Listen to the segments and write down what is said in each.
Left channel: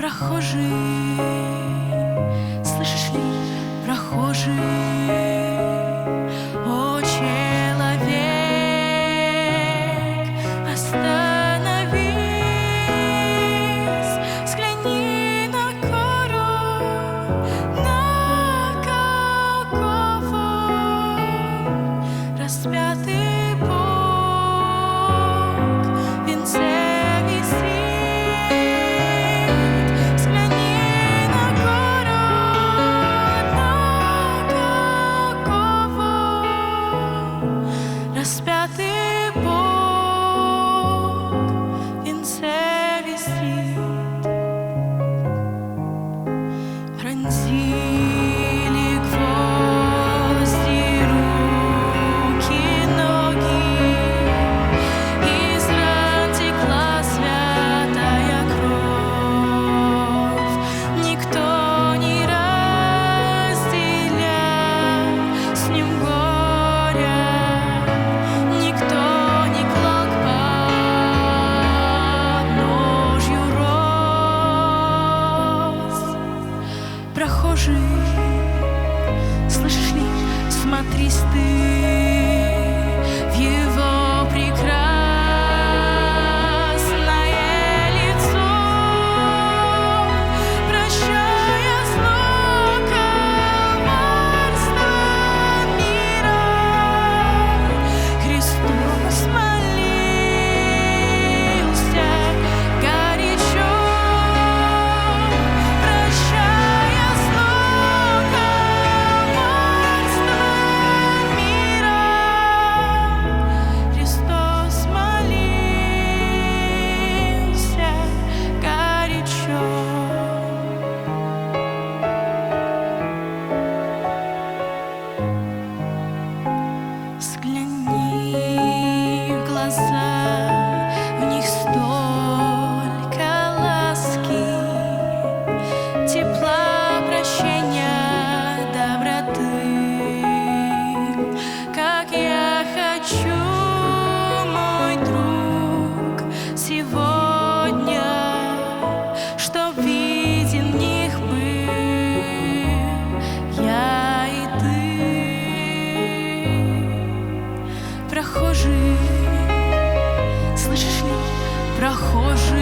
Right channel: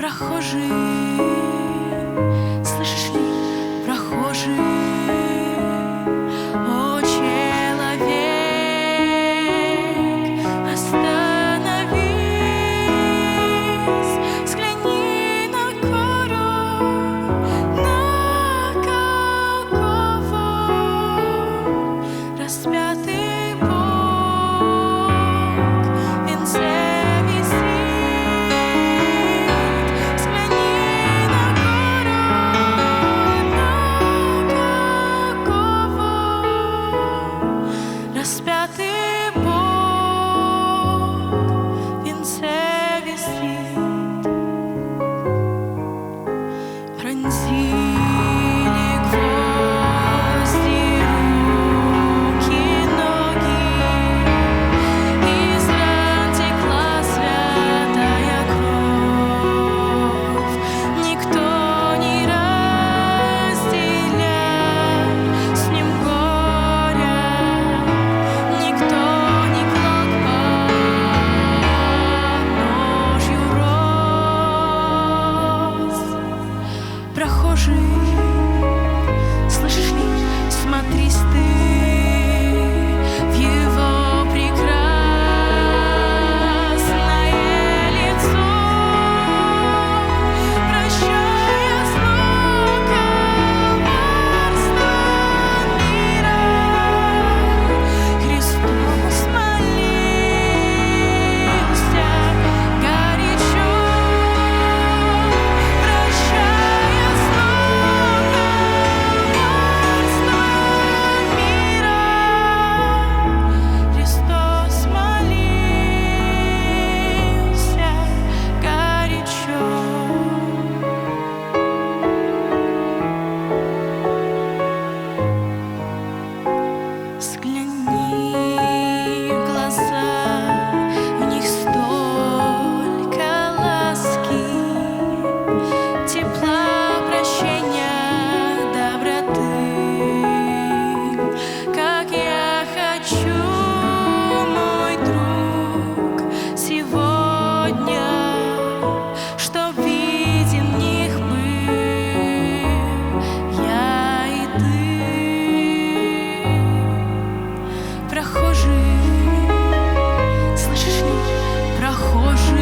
прохожий, слышишь ли, прохожий, о, человек, остановись, взгляни на гору, на Голгофу, распятый Бог в венце. Распятый Бог в венце висит. Пронзили гвозди руки, ноги, из ран текла святая кровь. Никто не разделял с ним прохожий, слышишь ли, смотрись ты в его прекрасное лицо, прощая зло коварства мира. Христос молился горячо, взгляни в глаза, в них столько ласки, тепла, прощения, доброты. Как я хочу, мой друг, сегодня, чтоб виден в них был я и ты. Прохожий, слышишь ли, прохожий,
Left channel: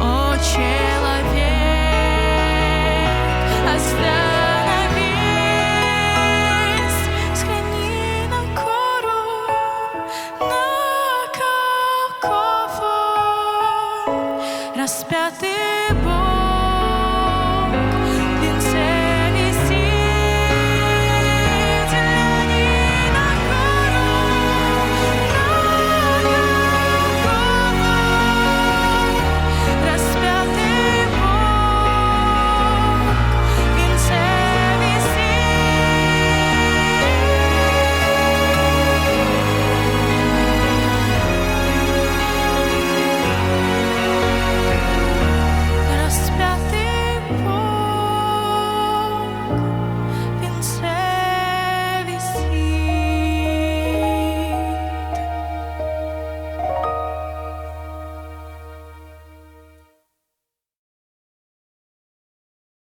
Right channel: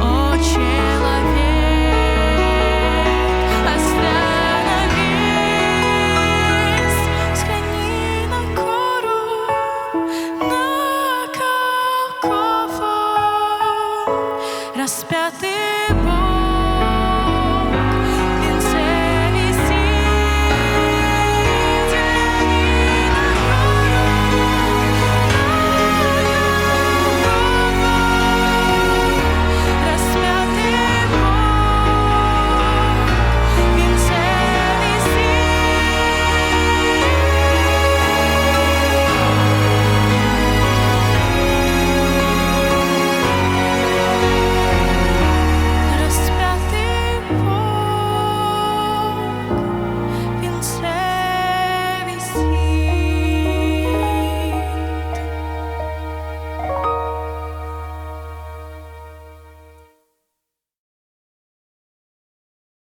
о, человек, остановись, взгляни на гору, на Голгофу, распятый Бог.